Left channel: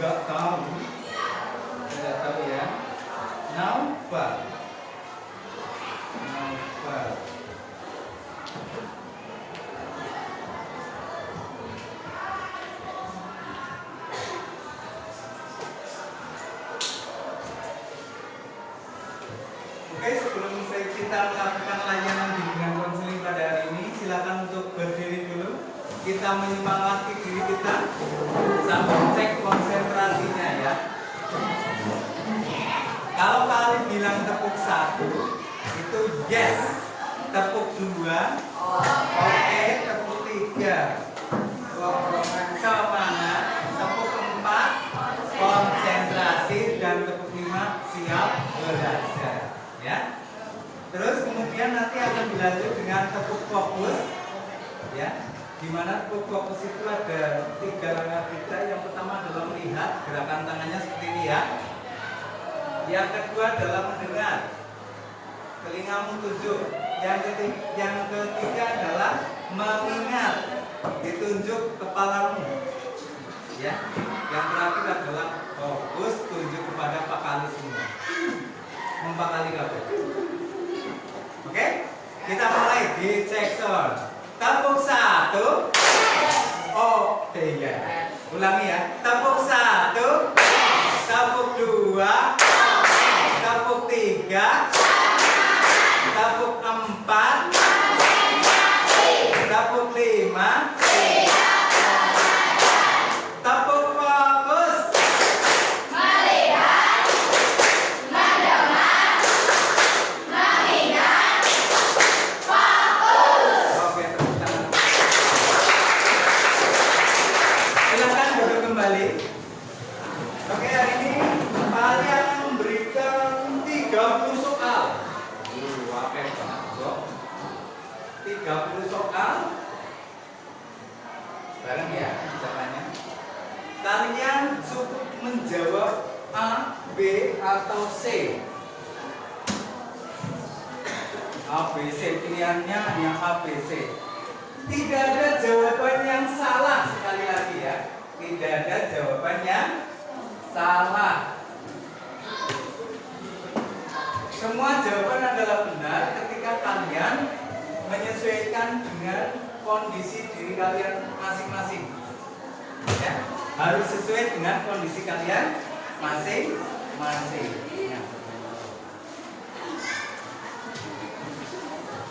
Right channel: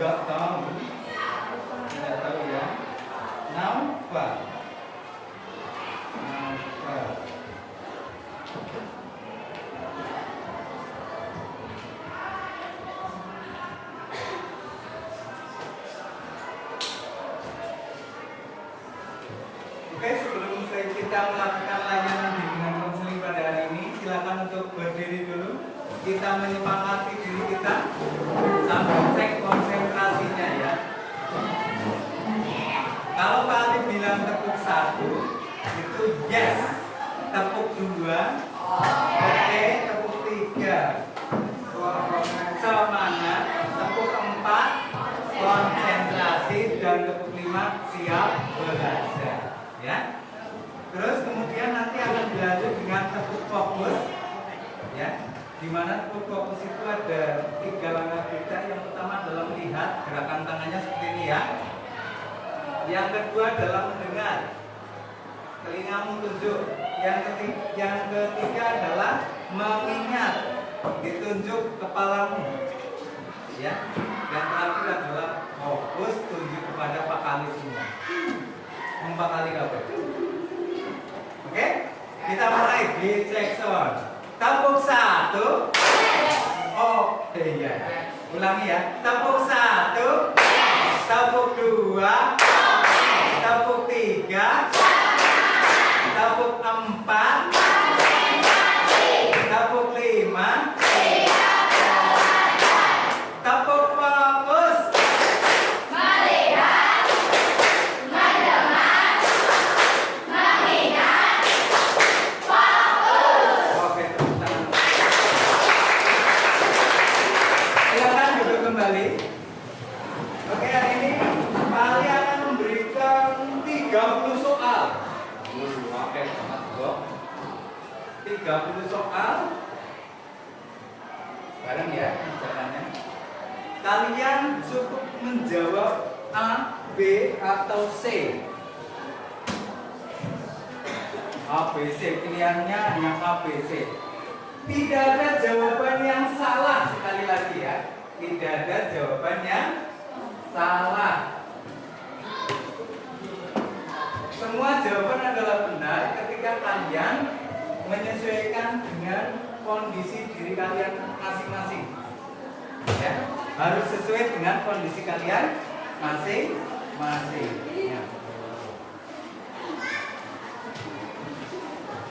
Enggak tahu. Tidak tahu ya. Naufal. Naufal. Oke, sebelum kita melakukan layanan bimbingan konseling pada hari ini, silakan untuk berdiri dulu. Kita menyemangati diri kita sambil cek konsentrasinya ya. Kalau kalian bilang tepuk 1 itu yes, tepuk 2 oke, tepuk 3 semangat, tepuk 4 konsentrasi, dan tepuk 5 siap belajar ya. Terus kemudian nanti akan dilanjut dengan tepuk fokus ya. Dimana tepuk fokus itu ada 3 langkah kita. Yang pertama adalah melihat, gerakan tangannya seperti ini ya. Yang kedua adalah mendengar, telingamu tunjuk. Yang ketiga adalah mengingat, ditunjuk kepalamu ya. Yang terakhir adalah fokus, tunjuk kepada Pak Kali semua. Empat kali kabeh. Oke? Kita mulai di section. Tepuk 1. Oh, iya. Ulangi ya. Tepuk 1. Tepuk 2. Tepuk 3. Tepuk 4. Tepuk 5. Tepuk fokus. Melihat, mendengar, mengingat, fokus. Oke, tepuk tangan. Silakan duduk kembali. Oke, hari ini kalian memberikan 30 soal. Oke, sangat bagus. 30 soal. Bareng ya, jawabannya. Kalian cukup menjawab A, B, atau C. A, B, C, pilihannya hanya A, B, C. Tidak ada jawaban yang salah, sekali lagi ya. Tidak ada jawaban yang salah. Semua jawaban adalah benar ketika kalian menyesuaikan dengan kondisi diri kalian masing-masing. Ya, harus sesuai dengan kondisi kalian masing-masing. Ya.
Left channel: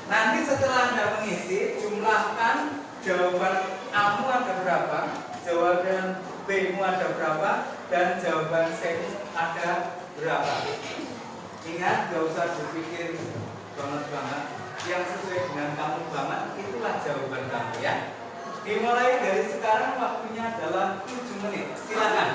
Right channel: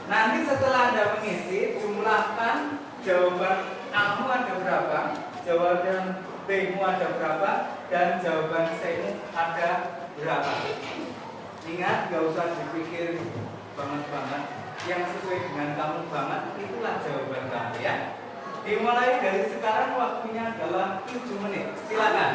Nanti setelah Anda mengisi, jumlahkan jawaban A-mu ada berapa, jawaban B-mu ada berapa, dan jawaban C-mu ada berapa. Ingat, gak usah dipikir banget-banget. Yang sesuai dengan kamu banget, itulah jawaban kamu ya. Dimulai dari sekarang, waktunya adalah 7 menit. Silakan.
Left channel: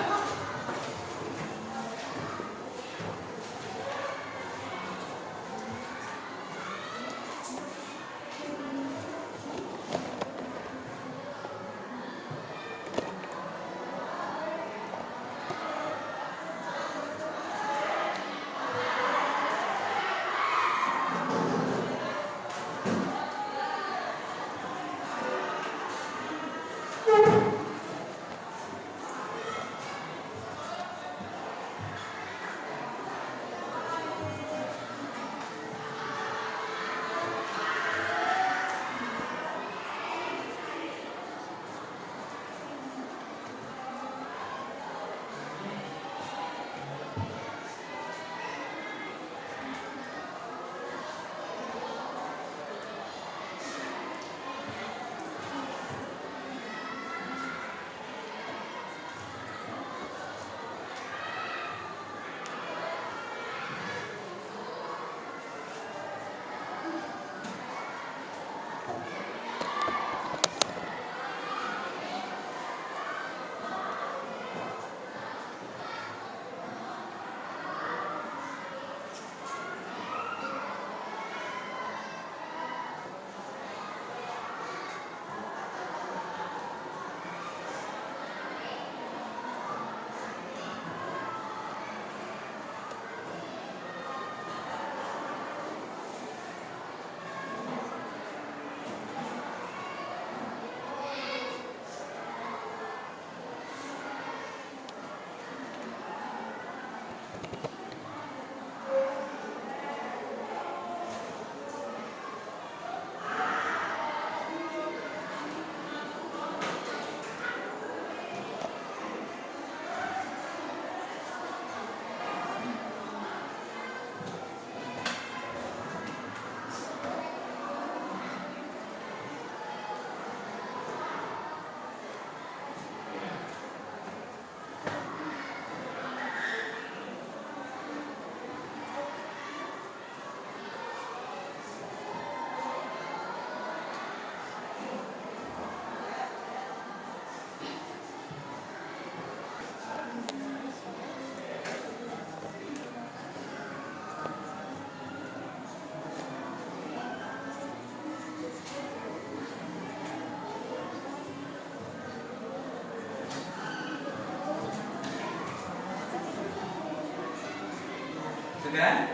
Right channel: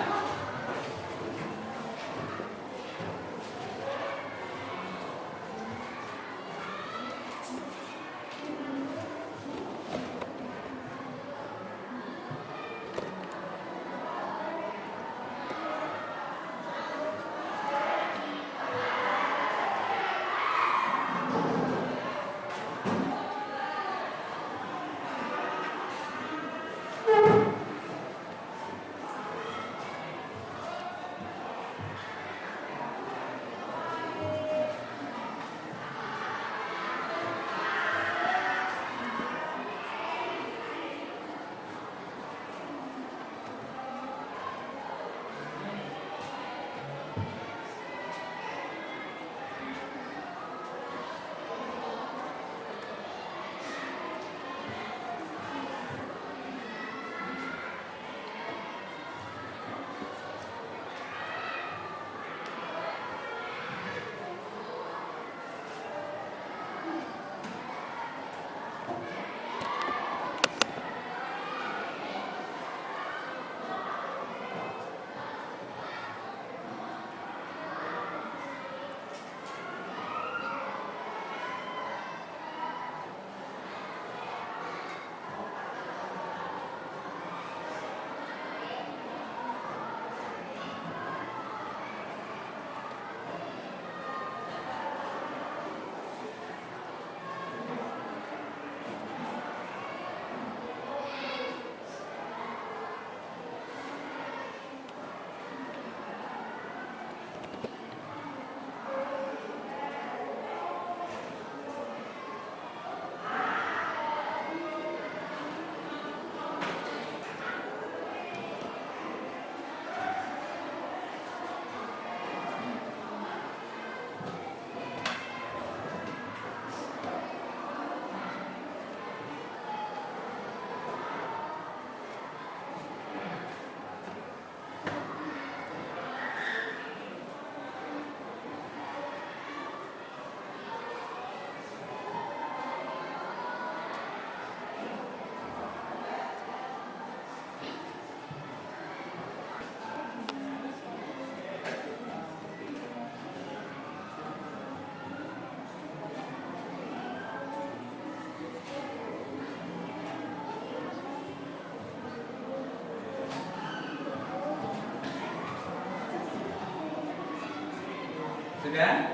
Sudah?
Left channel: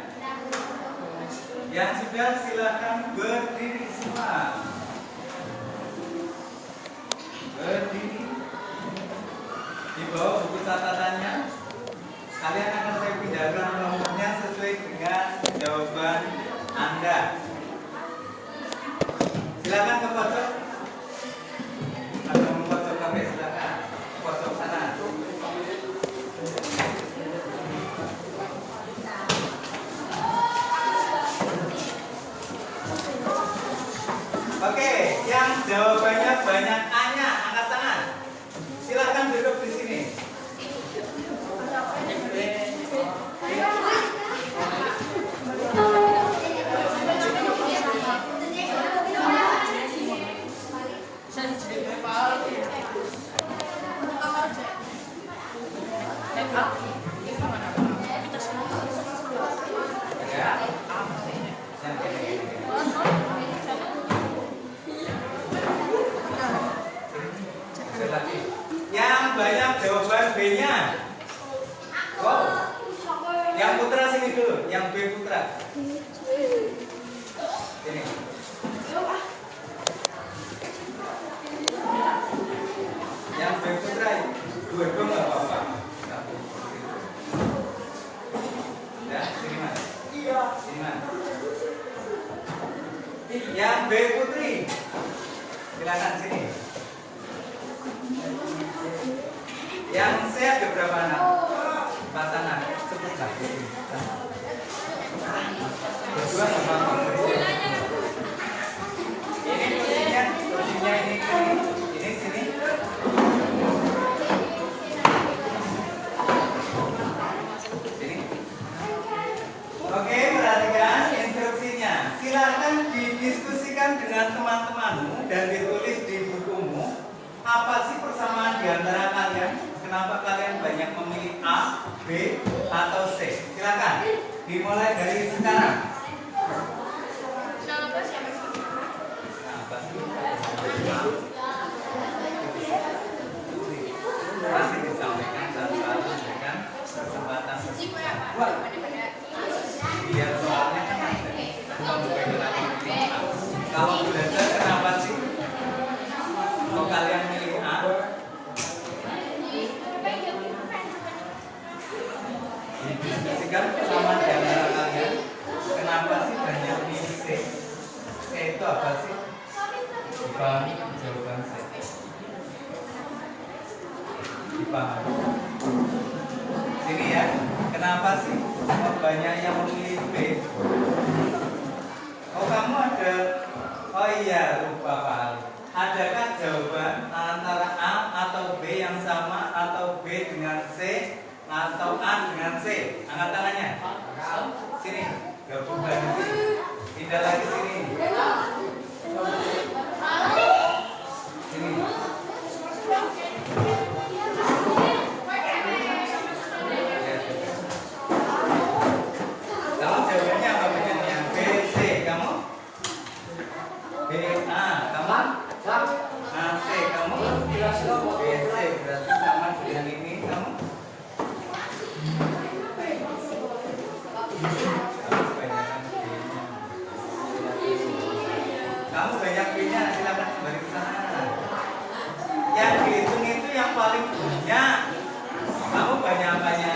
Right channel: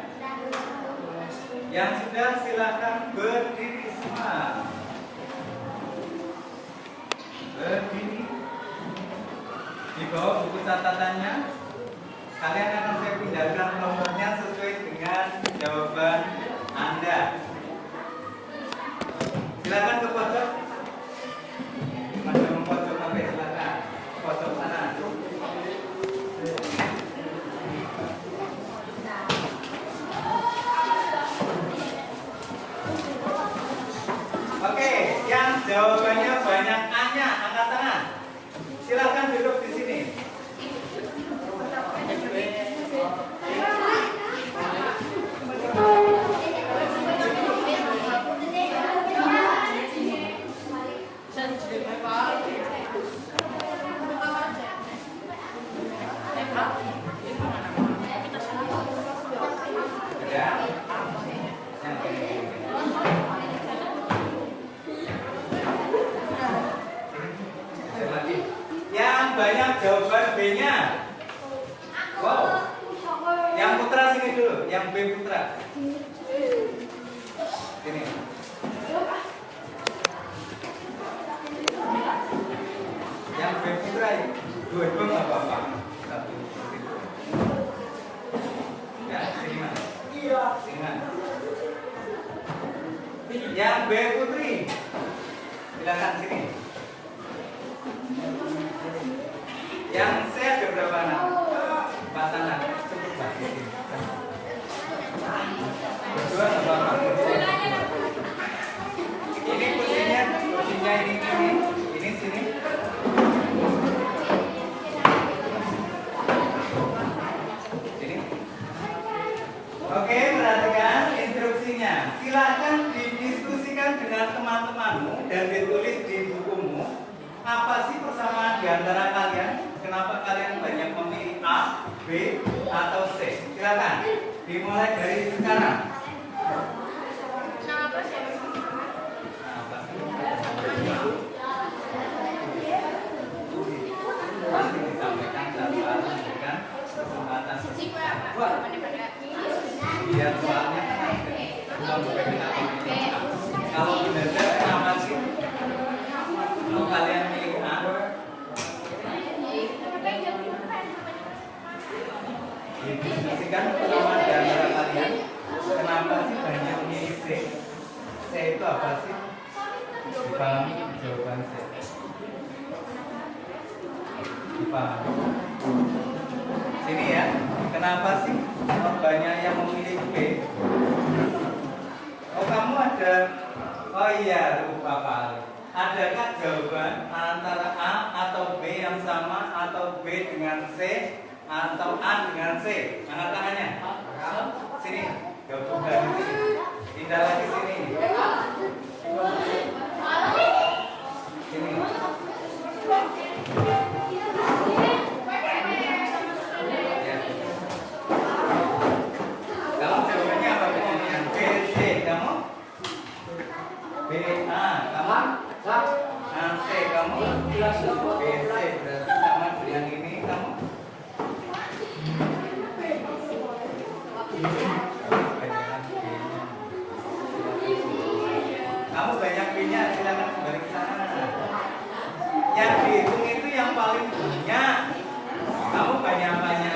Yang sudah silakan berdiri semua. Berdiri. Di bawah buku catatannya, kalian akan saya pindahkan nomornya sesuai dengan jawaban Anda. Silakan ke pojok. Mana mau pojok pakai silakan. Pojok sana. Oke, yang jawabannya banyak A-nya, angkat tangan. Silakan duduk di sini. Yang banyak jawaban B-nya. Wow. Yang putra sini dulu, yang B putra. Sini. Yang B putra, dua nggak apa-apa. Satu. Ya, sini mas. Sini mas. Yang B putri, silakan sini. Yang C ada berapa anak? Pasangan, sebutlah. Berdua apa? Ini kursinya ini sini. Sini. Oke, perhatikan instruksinya. Silakan didiskusikan dengan teman-temanmu dan ditulis di bukumu. Apa sih persamaan di antara kalian? Kenapa kalian banyak memilih A, B, atau C? Silakan. Dimulai dari sekarang. Kenapa sih? Pasti disampaikan tanpa memberikan kesempatan. Biar soalnya kan ada. Kalau belajar kenapa sih? Kalau kalian milih A, didiskusikan sama di antara kalian. Kenapa sih banyak milih C? C itu apa sih? Dipahami jawaban saya. Dipahami. Ini ya, kenapa sih banyak yang memilih B? Oh kamu ada, oh iya lupa Pak Ali. Adakah jawaban antara A atau B yang sama atau B dengan C atau A dengan C? Angkat tangannya. Sini, gabungkan sini. Pindah lagi sini. Sini. Ya. Kalau jawabannya apa bedanya? B, C, kamu? B, A, kamu? Nah, C, kamu? B, C, berarti sama dengan ini, kamu? Kamu banyak B-nya, silakan kembali ke sana. Yang dihitung itu yang paling banyak. Kamu banyak apanya?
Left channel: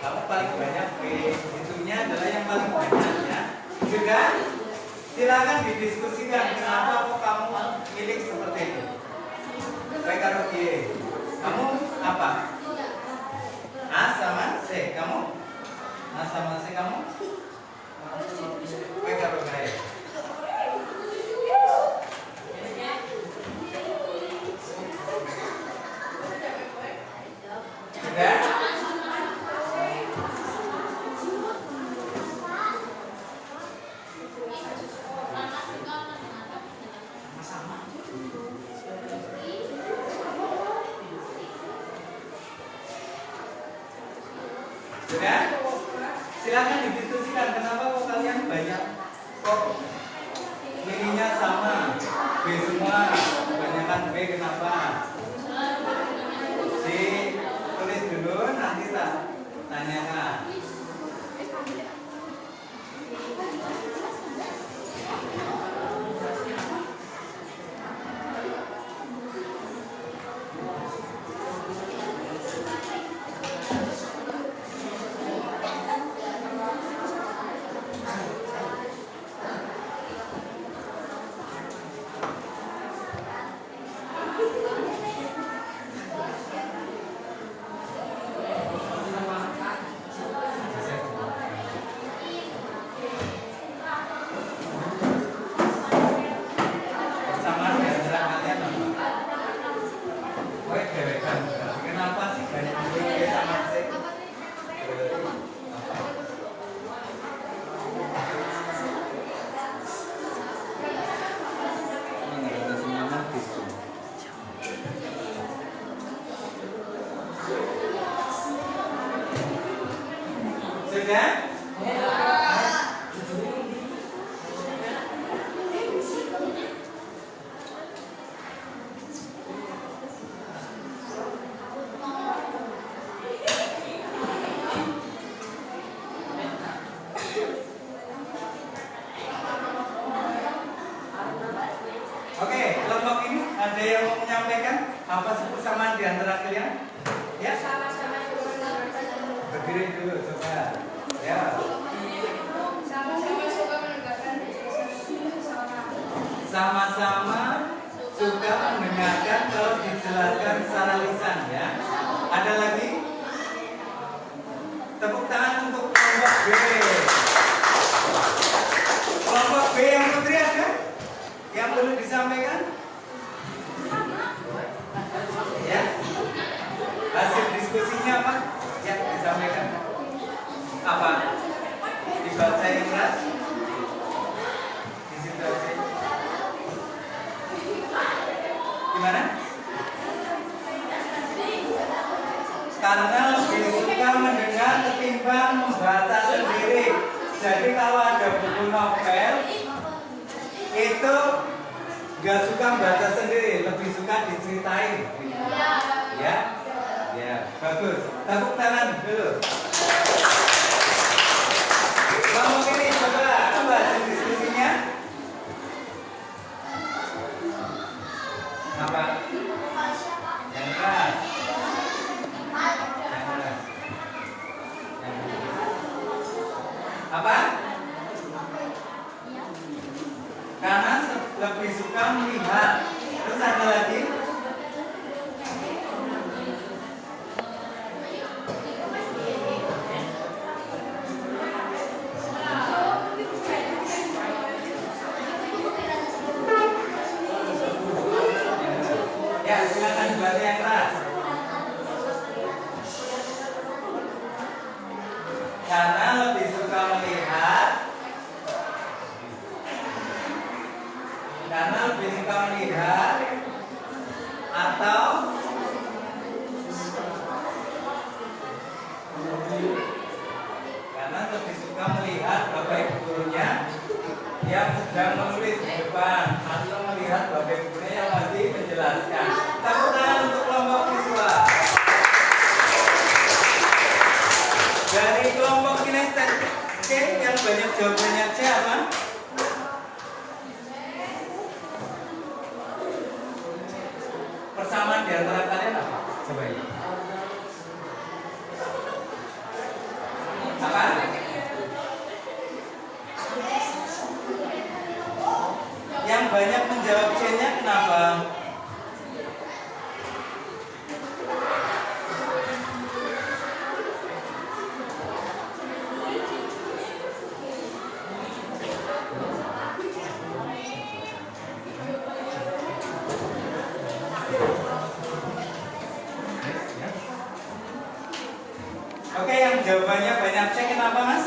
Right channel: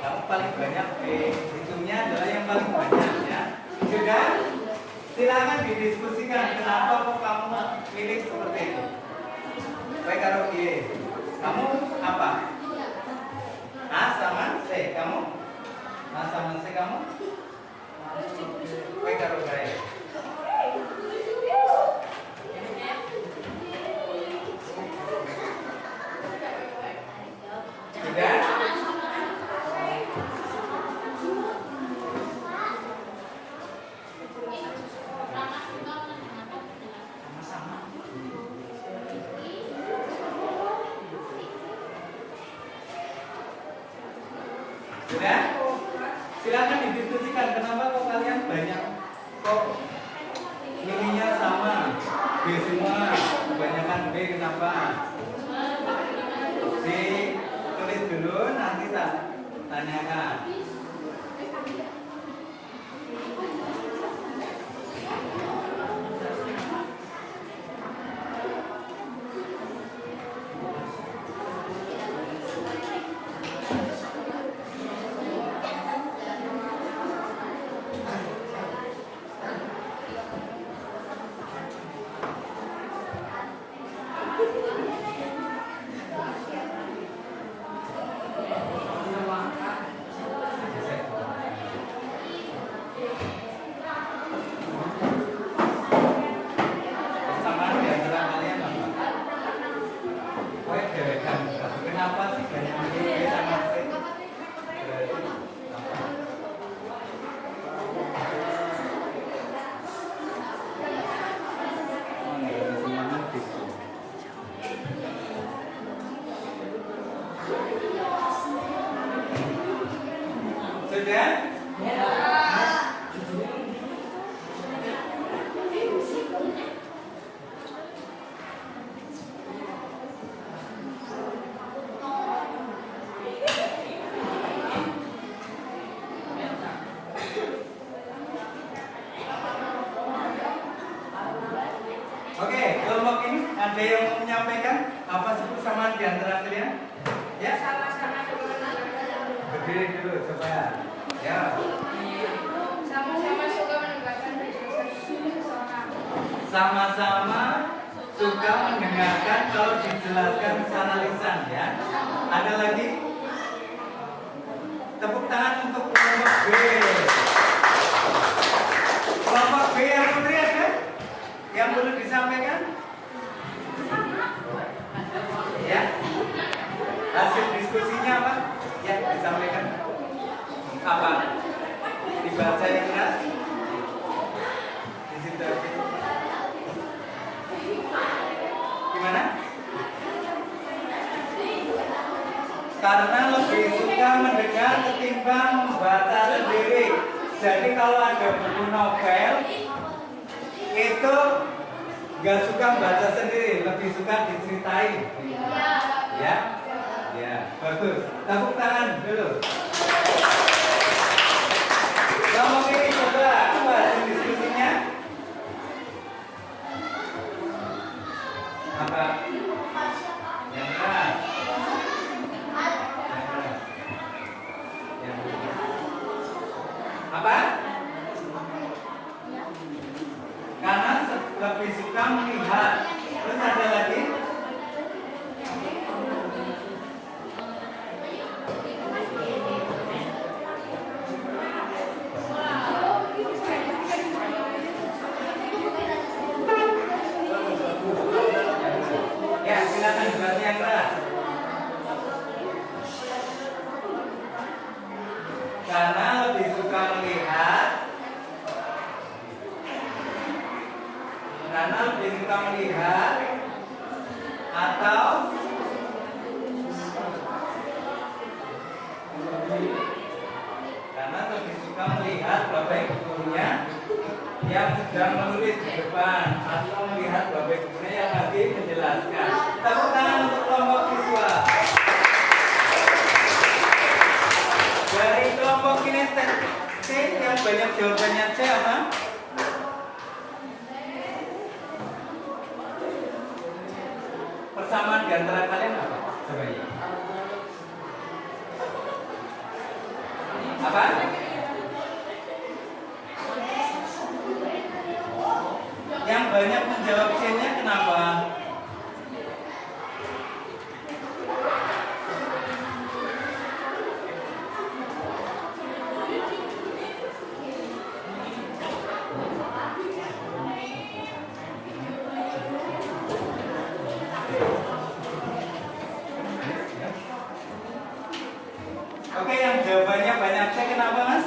Kamu paling banyak B. Hitungnya adalah yang paling banyak ya. Sudah? Silakan didiskusikan kenapa kok kamu milih seperti itu. Baik karo G. Kamu apa? A sama C. Kamu? A sama C kamu? Baik karo G. Sudah? Sudah? Silakan didiskusikan kenapa kok kalian banyak kok milihnya sama B semua, kebanyakan B kenapa? C tulis dulu Tanyakan. Sudah? Oke, kelompok ini ada yang mau menyampaikan apa sih persamaan di antara kalian? Ya? Berdiri dulu coba. Ya. Sama-sama suka mendengarkan Sama-sama suka mendengarkan kalau dijelaskan secara lisan ya. Ada lagi? Tepuk tangan untuk kelompok B. Kelompok B yang putri ada? Yang perlu disampaikan? Ya. Hasil diskusinya apa? Ya, disampaikan. Apa? Dibaca yang keras? Di situ aja. Gimana? Karena lebih suka mendengar ketimbang membaca sendiri. Jadi kalau ada buku novel itu nggak suka baca sendiri, lebih suka diceritain. Ya, ya, bagus. Tepuk tangan dulu. Kamu ini coba apa hasil diskusinya? Apa? Yang keras. Apa? Karena lebih suka melihat. Terus ada lagi? Ya, silakan dibaca yang keras. Karena lebih suka melihat. Karena lebih suka melihat atau karena lebih suka melihat bapak gurunya yang sedang menulis di depan atau melihat bapak gurunya yang lagi menjelaskan. Tepuk tangan untuk kelompok siswa. Dari kelompok kinestetik yang banyak jawabannya C apa? Persamaan di antara kalian apa? Coba ya. Apa? Yang banyak menjawab C-nya kenapa? Oke, yang jawabannya banyak C kenapa, Mas?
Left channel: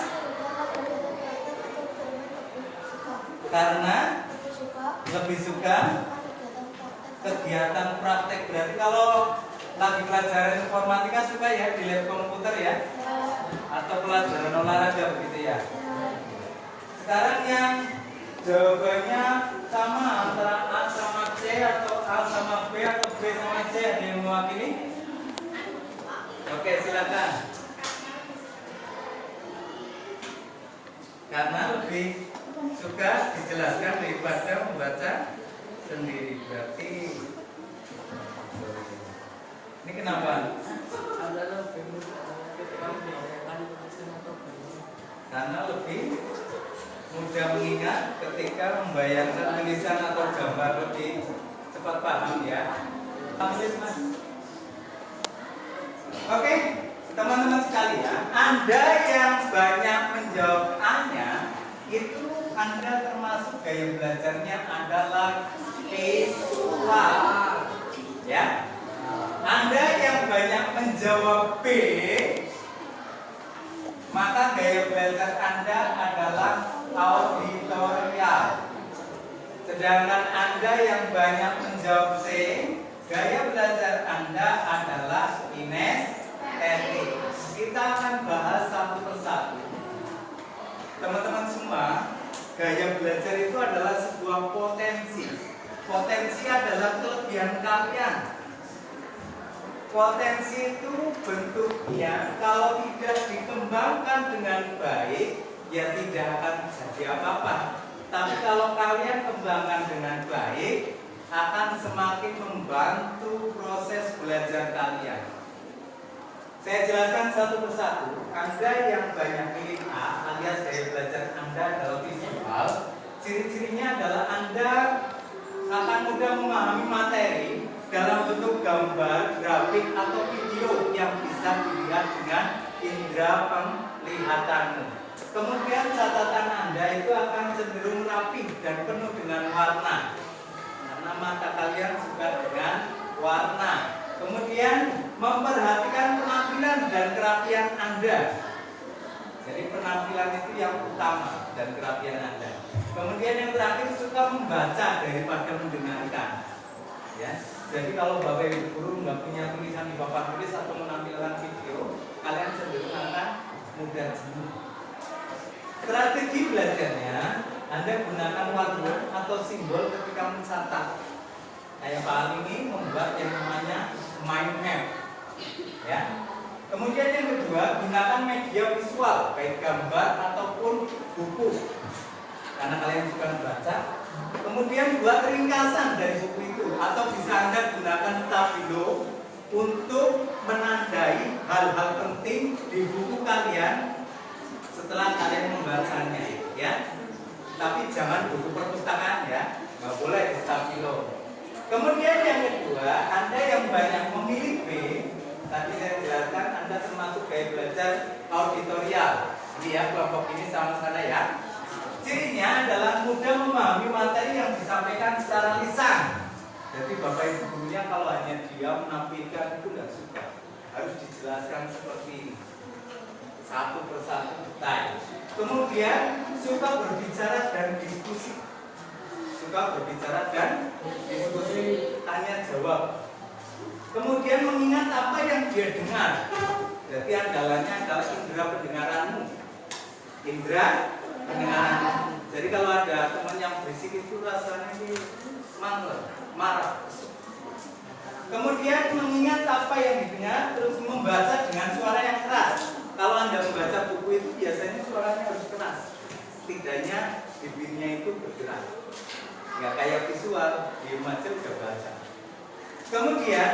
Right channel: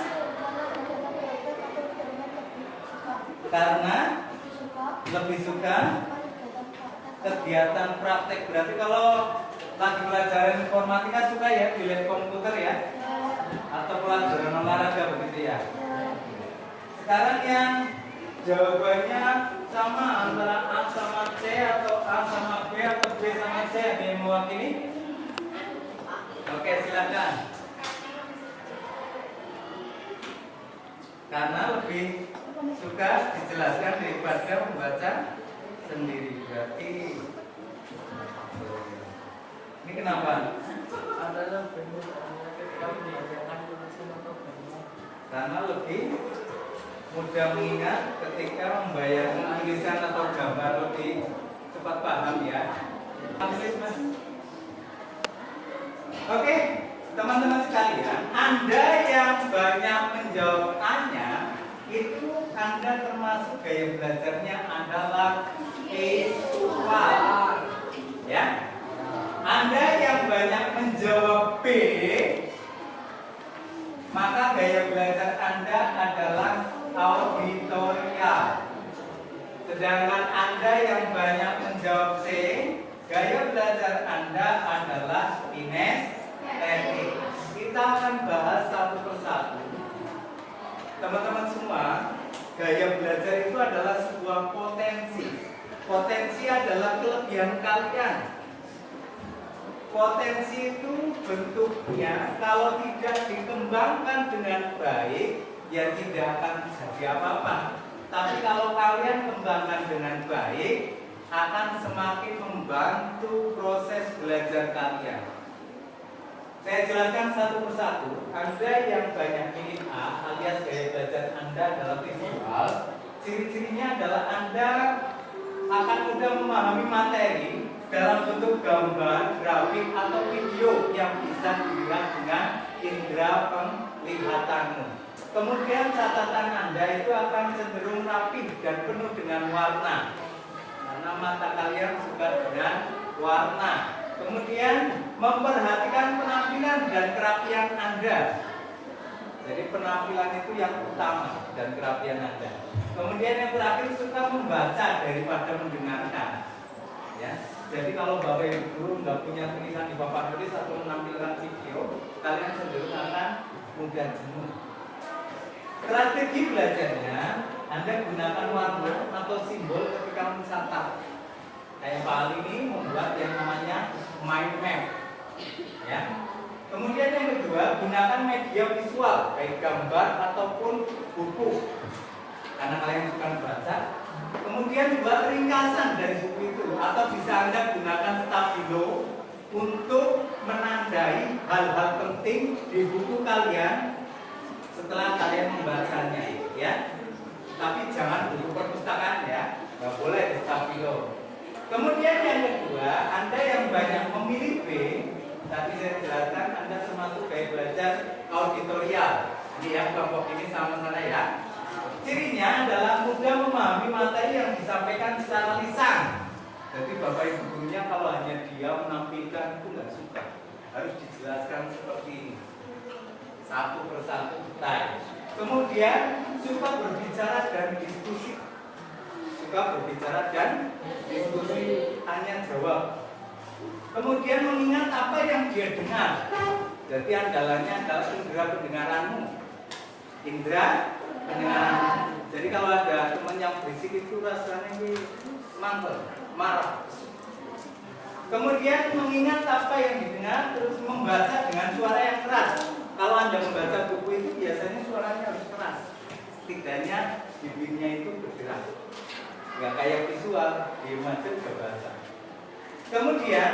Karena lebih suka kegiatan praktek. Berarti kalau lagi pelajaran informatika suka ya di lab komputer ya? Atau pelajaran olahraga begitu ya? Sekarang yang jawabannya sama antara A sama C atau A sama B atau B sama C, ada yang mewakili? Oke, silakan. karena lebih suka dijelaskan daripada membaca sendiri. Berarti ini kenapa? Karena lebih mudah mengingat ketika membayangkan tulisan atau gambar, lebih cepat paham ya. Mas. Oke, teman-teman sekalian, Anda yang banyak menjawab Anya itu Anda termasuk gaya belajarnya adalah visual, ya. Anda yang banyak menjawab B, maka gaya belajar Anda adalah auditorial. Sedangkan Anda yang banyak menjawab C, gaya belajar Anda adalah kinestetik. Kita akan bahas satu persatu. Teman-teman semua, gaya belajar itu adalah sebuah potensi. Potensi adalah kelebihan kalian. Potensi itu bentuknya kalau tidak dikembangkan dengan baik, ya tidak akan jadi apa-apa. Tapi kalau kalian kembangkan dengan baik, akan semakin membantu proses belajar kalian. Saya jelaskan satu persatu. Anda yang banyak pilih A alias gaya belajar Anda adalah visual. Ciri-cirinya adalah Anda akan mudah memahami materi dalam bentuk gambar, grafik, atau video yang bisa dilihat dengan indera penglihatanmu. Kemudian catatan Anda itu akan cenderung rapi dan penuh dengan warna, karena mata kalian suka dengan warna. Kemudian memperhatikan penampilan dan kerapian Anda. Jadi penampilan itu yang utama dan kerapian Anda. Kemudian yang terakhir suka membaca daripada mendengarkan. Ya. Jadi kalau Bapak Ibu guru nggak punya tulisan di papan tulis atau menampilkan video, kalian cenderung akan mudah jenuh. Strategi belajarnya, Anda gunakan warna atau simbol ketika mencatat. Kayak Pak Ali ini membuat yang namanya mind map. Ya. Kemudian yang kedua, gunakan media visual, baik gambar ataupun buku, karena kalian suka membaca. Kemudian buat ringkasan dari buku itu, atau bisa Anda gunakan stabilo untuk menandai hal-hal penting di buku kalian setelah kalian membacanya, ya. Tapi jangan buku perpustakaan ya, nggak boleh di stabilo. Kemudian yang kedua, Anda yang banyak memilih B, tadi saya jelaskan Anda termasuk gaya belajar auditorial. Ini ya, kelompok ini sama-sama ya. Cirinya adalah mudah memahami materi yang disampaikan secara lisan. Jadi Bapak Ibu gurunya kalau hanya diam menampilkan itu nggak suka. Harus dijelaskan seperti ini, satu persatu detail. Kemudian suka berbicara dan diskusi. Suka berbicara dan diskusi, tanya jawab. Kemudian mengingat apa yang dia dengar. Jadi andalannya adalah indera pendengaranmu. Indera pendengaran. Jadi kalau ada teman yang berisik itu rasanya ini mangkel, marah. Kemudian mengingat apa yang didengar, terus membaca dengan suara yang keras. Kalau Anda membaca buku itu biasanya suaranya harus keras. Setidaknya bibirnya itu bergerak. Nggak kayak visual, di aja udah baca. Kemudian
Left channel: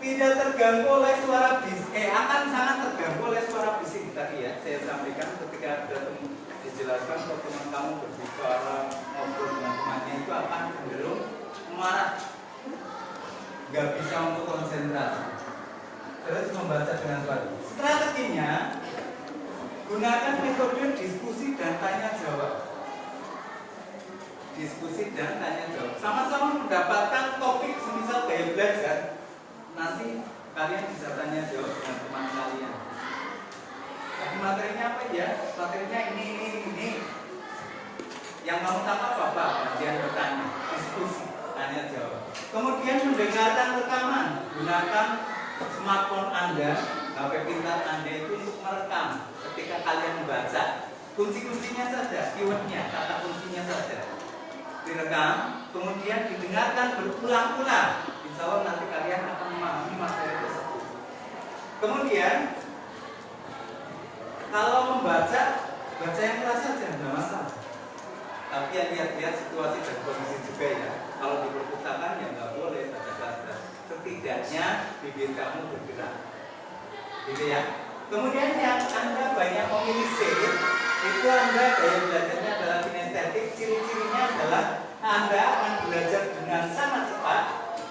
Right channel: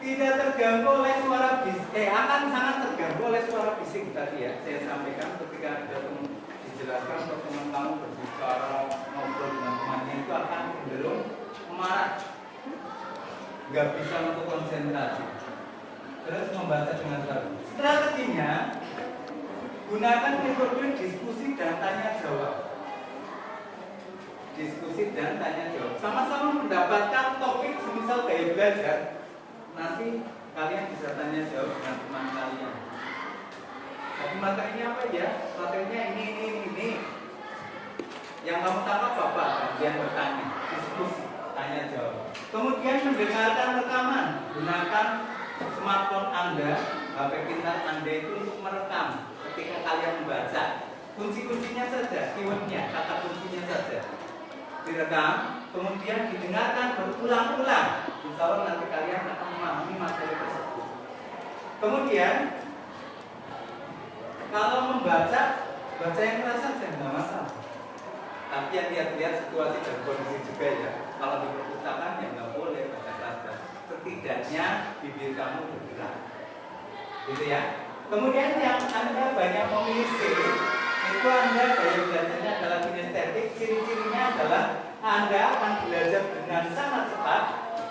tidak terganggu oleh suara bisik, akan sangat terganggu oleh suara bisik tadi ya. Saya sampaikan ketika ada teman dijelaskan kalau teman kamu berbicara ngobrol dengan temannya itu akan cenderung marah, nggak bisa untuk konsentrasi. Terus membaca dengan suara. Strateginya gunakan metode diskusi dan tanya jawab. Diskusi dan tanya jawab. Sama-sama mendapatkan topik semisal gaya belajar. Nanti kalian bisa tanya jawab dengan teman kalian. Tapi materinya apa ya? Materinya ini. Yang kamu tangkap apa? Kajian bertanya, diskusi, tanya jawab. Kemudian mendengarkan rekaman. Gunakan smartphone Anda, HP pintar Anda itu untuk merekam ketika kalian membaca. Kunci-kuncinya saja, keywordnya, kata kuncinya saja direkam, kemudian didengarkan berulang-ulang. Insya Allah nanti kalian akan memahami materi tersebut. Kemudian kalau membaca Baca yang keras saja, nggak masalah. Tapi yang lihat-lihat situasi dan kondisi juga ya. Kalau di perpustakaan ya nggak boleh baca keras-keras. Setidaknya bibir kamu bergerak, gitu ya. Kemudian yang Anda banyak memilih C, itu Anda gaya belajarnya adalah kinestetik. Ciri-cirinya adalah Anda akan belajar dengan sangat cepat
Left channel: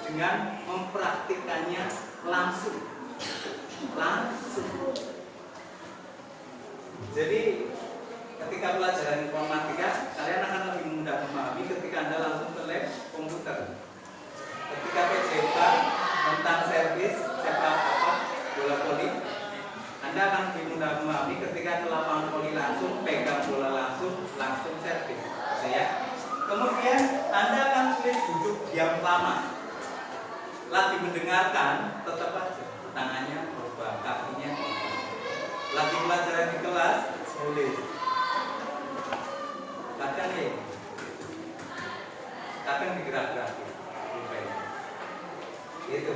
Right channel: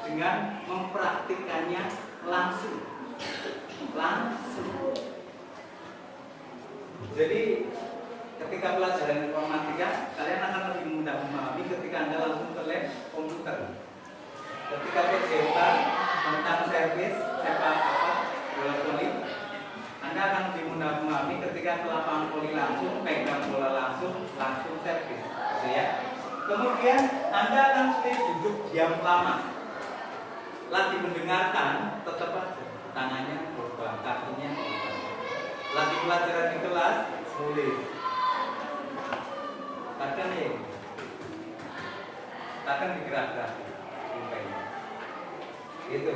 dengan mempraktikannya langsung. Jadi ketika pelajaran informatika, kalian akan lebih mudah memahami ketika Anda langsung ke lab komputer. Ketika PJK tentang servis sepak bola voli, Anda akan lebih mudah memahami ketika ke lapangan voli langsung, pegang bola langsung servis, gitu ya. Kemudian Anda akan sering duduk diam lama, lagi mendengarkan, tetap aja tangannya berubah, kakinya berubah. Lagi pelajaran di kelas, sulit. Kadang digerak-gerak. Gitu.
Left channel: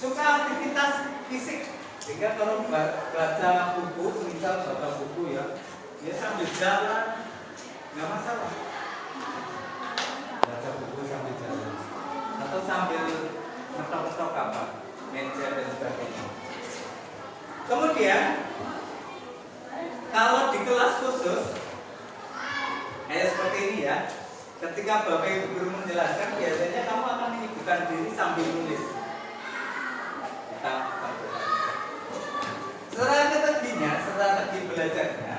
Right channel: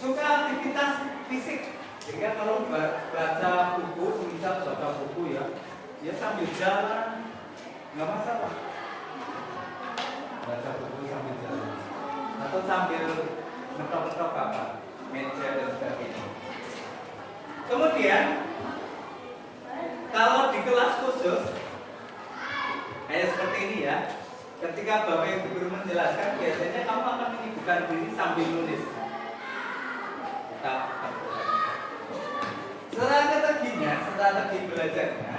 Suka aktivitas fisik, sehingga kalau baca buku, misal baca buku ya sambil jalan, nggak masalah. Baca buku sambil jalan, atau sambil mentok-mentok apa, meja dan sebagainya. Kemudian kalau di kelas khusus kayak seperti ini ya, ketika Bapak Ibu guru menjelaskan, biasanya kamu akan menyibukkan diri sambil nulis. Strategi belajarnya,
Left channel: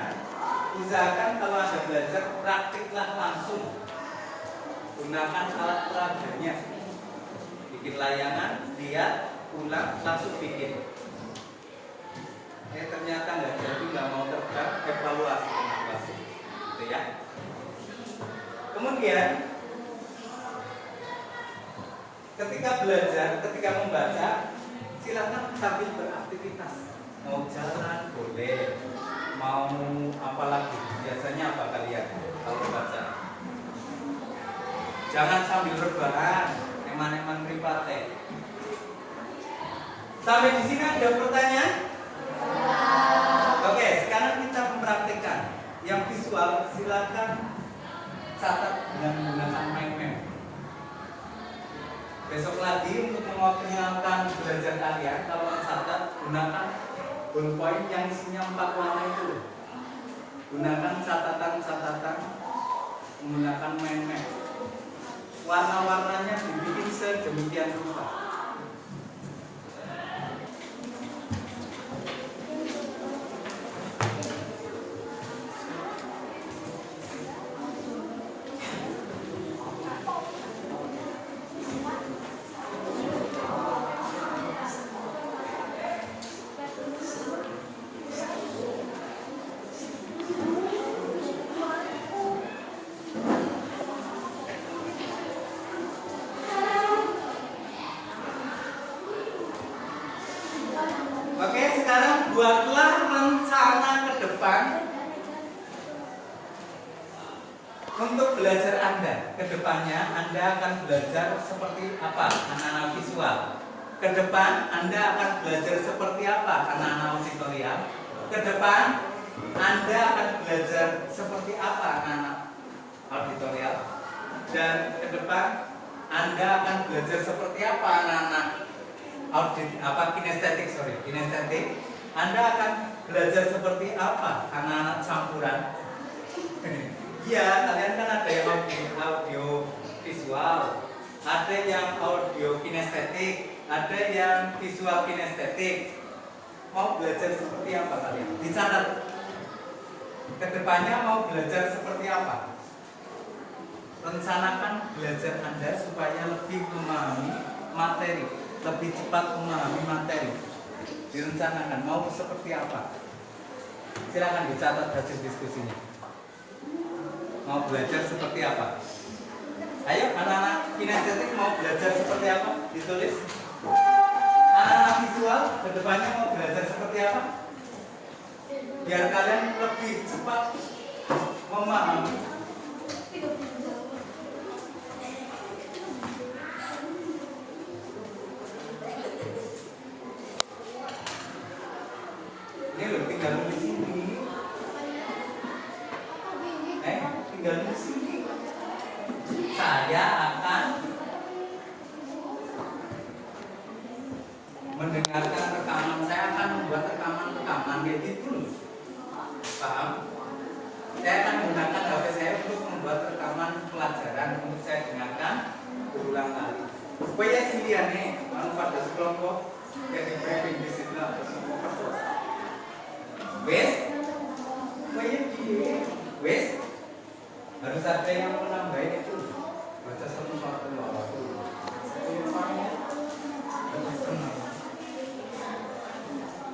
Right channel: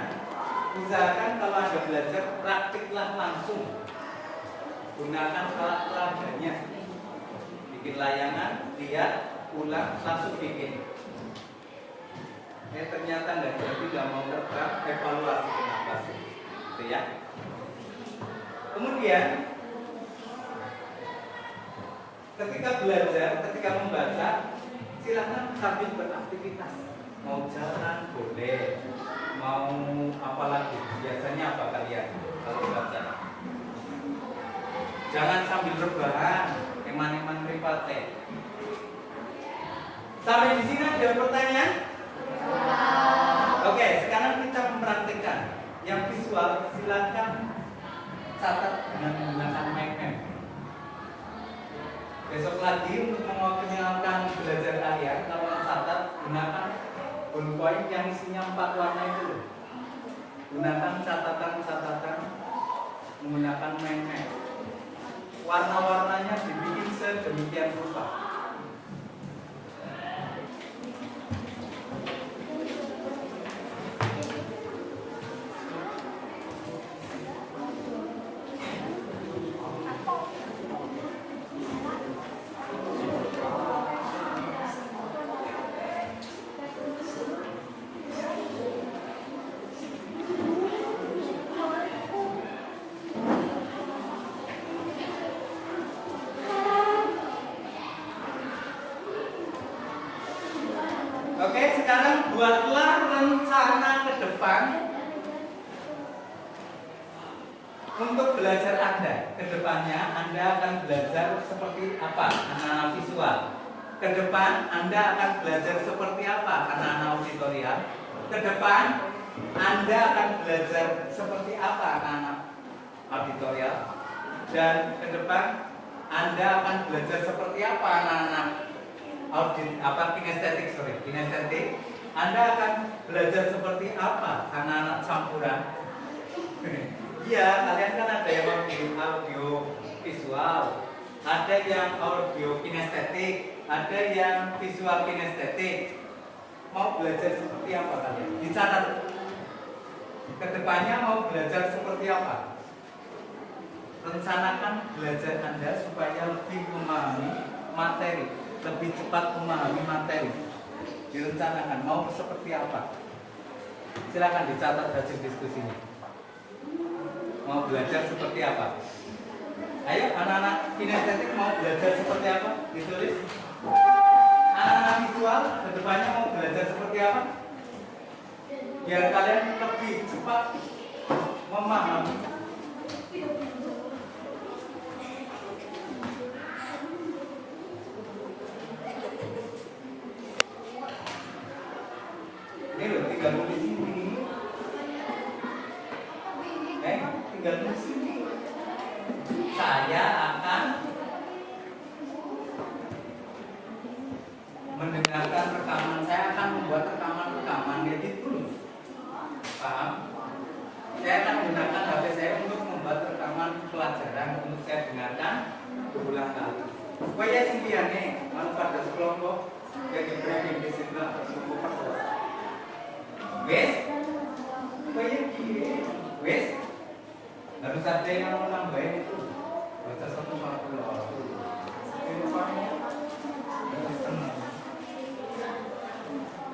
usahakan kalau Anda belajar praktiklah langsung. Gunakan alat peraganya, bikin layangan, lihat, ulang, langsung bikin. Ternyata nggak jadi, nggak mau terbang, evaluasi kenapa sih, gitu ya. Kemudian ketika belajar, ketika membaca, silakan sambil beraktivitas. Mau jalan boleh, mau apa lagi? Biasanya apa kalian kalau baca? Jangan sambil rebahan, eman-eman mripate. Sampai di sini ada pertanyaan? Oke, sekarang kita mempraktikkan. Yang visual silakan catat dengan menggunakan mind map. Besok lagi untuk mengoptimalkan belajar kalian, kalau catat gunakan ballpoint yang isinya 4 warna itu. Gunakan catatan-catatan menggunakan mind map. Warna-warnanya dibikin sedemikian rupa. Oke, sekarang buatlah rencana ke depan untuk belajar Anda. Ke depannya Anda akan belajar seperti apa anak-anak visual. Ke depan Anda akan belajar seperti apa anak-anak auditorial. Ke depan Anda akan belajar seperti apa anak-anak auditorial. Dan ke depan Anda akan belajar seperti apa anak-anak kinestetik. Anda akan belajar seperti apa anak-anak campuran. Iya, kalian kan ada yang audio visual, ada yang audio kinestetik, ada yang visual kinestetik. Mau belajar seperti apa kalian? Dicatat. Kedepannya mau belajar seperti apa? Rencanakan belajar Anda supaya lebih memahami materi, lebih cepat memahami materi. Direncanakan mau seperti apa? Silakan dicatat hasil diskusinya. Mau belajar seperti apa? Ayo anak-anak kinestetik mau belajar seperti apa? Ditulis. Anak-anak visual kedepannya mau belajar seperti apa? Biar kalian lebih cepat memahami. Ini loh, tinggal di sini. mendengarkan rekaman, saya akan membuat rekaman jadi dulu. Paham? Saya akan menggunakan HP saya untuk membuat rekaman pelajaran untuk saya dengarkan berulang kali. Supaya sendiriannya, kalau pada sekelompok jadi briefing di situ. Wes, supaya gini, wes, harus ada yang menambah itu. Baca 140.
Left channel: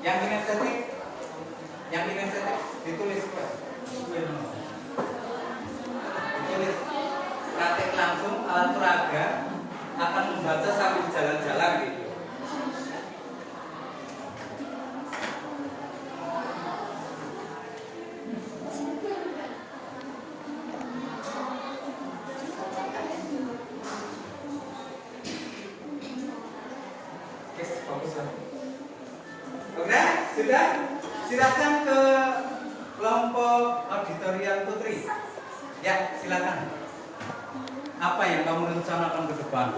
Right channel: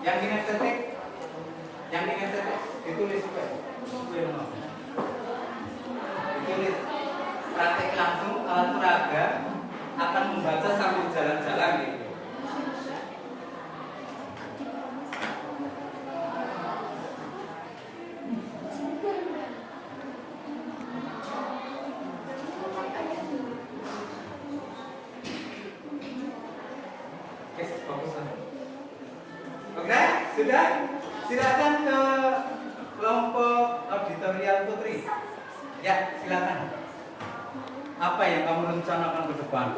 Yang kinestetik ditulis juga. Ditulis. Praktek langsung alat peraga akan membaca sambil jalan-jalan gitu. Oke, sudah? Silakan ke kelompok auditorial Putri. Ya, silakan. Apa yang kamu rencanakan ke depan?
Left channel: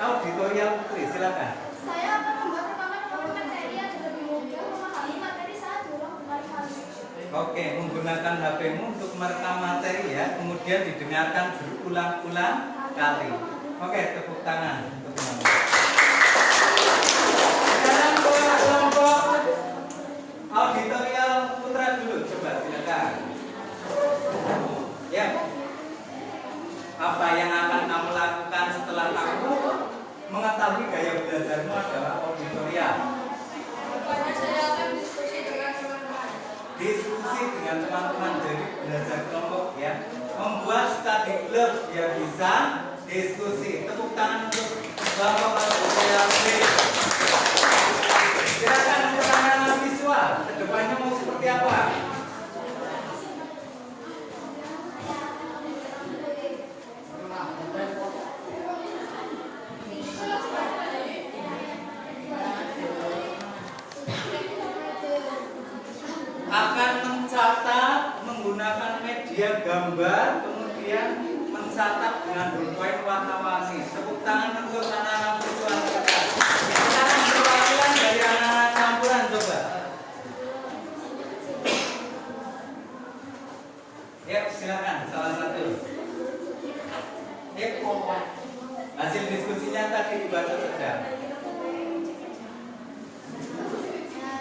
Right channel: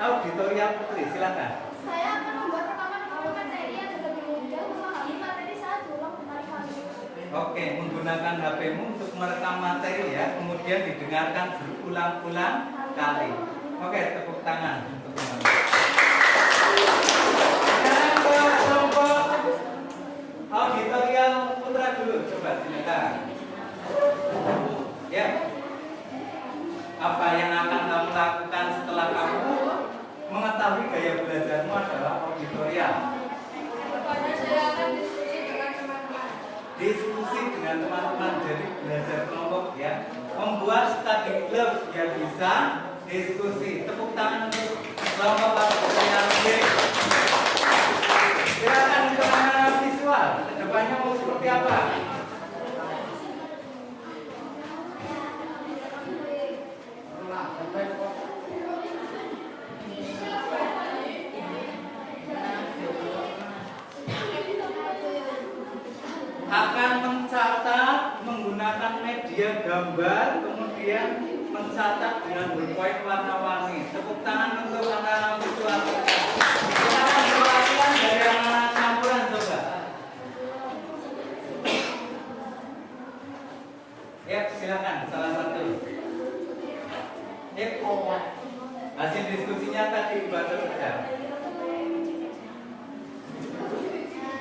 Auditorial Putri, silakan. Saya akan membuat rekaman materi yang lebih mudah memahami materi saat diulang berkali-kali. Oke, menggunakan HP-mu untuk merekam materi ya, kemudian didengarkan berulang-ulang kali. Oke, tepuk tangan untuk teman-teman. Sekarang ke kelompok auditorial Putra dulu, coba silakan. Ya. Apa yang akan kamu lakukan setelah kamu mengetahui gaya belajarmu adalah auditorial? Saya akan diskusi dengan teman-teman. Diskusi dengan teman-teman, jadi belajar kelompok ya. Membuat study group biar bisa diskusi. Tepuk tangan untuk kelompok auditorial. Silakan untuk anak-anak visual. Kedepannya mau seperti apa? Akan mencatat menggunakan media gambar, kemudian mencatat dengan berpoin warna-warni. Tepuk tangan untuk anak-anak visual. Kita akan perwakilan dari anak-anak campuran, coba. Ya, silakan salah satu. Hasil diskusinya tadi dibaca saja.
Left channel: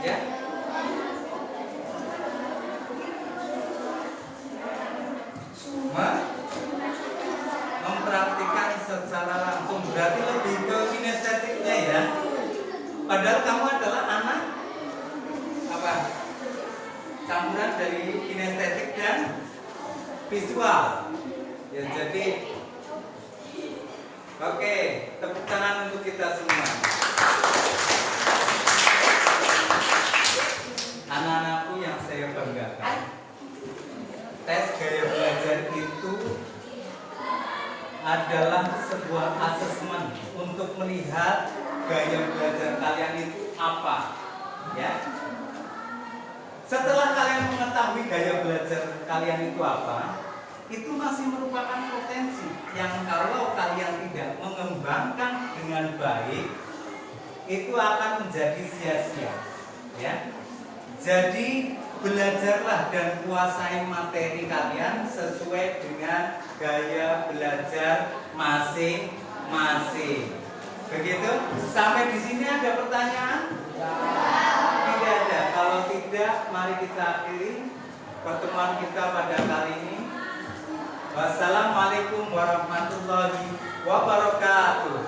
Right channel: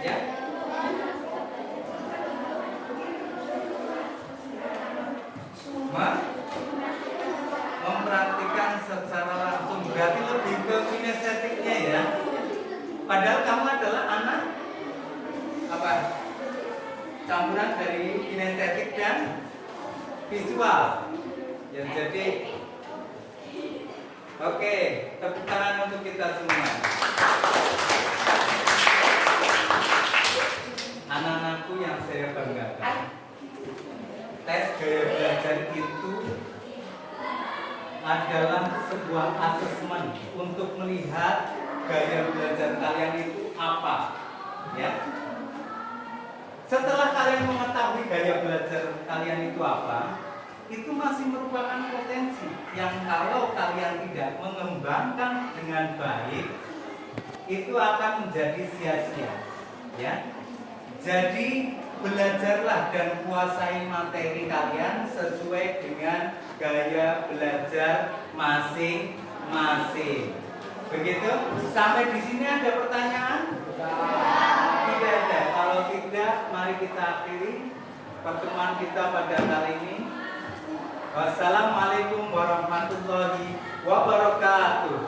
Ya. Mempraktikkan secara langsung, berarti lebih ke kinestetiknya ya. Padahal kamu adalah anak apa? Campuran dari kinestetik dan visual. Ya, jadi oke, tepuk tangan untuk kita semua. Anak-anakku yang saya banggakan, tes gaya belajar itu adalah sebuah asesmen untuk melihat gaya belajar kalian itu apa, ya. Setelah kalian mengetahui gaya belajar kalian itu apa, itu masih merupakan potensi yang kalau kalian tidak mengembangkan dengan baik, itu akan menjadi sia-sia, ya. Jadi belajarlah dan kuasai materi kalian sesuai dengan gaya belajar masing-masing. Begitu? Sampai di sini ada pertanyaan? Tidak ada. Kalau tidak, mari kita akhiri pertemuan kita pada kali ini. Wassalamualaikum warahmatullahi wabarakatuh.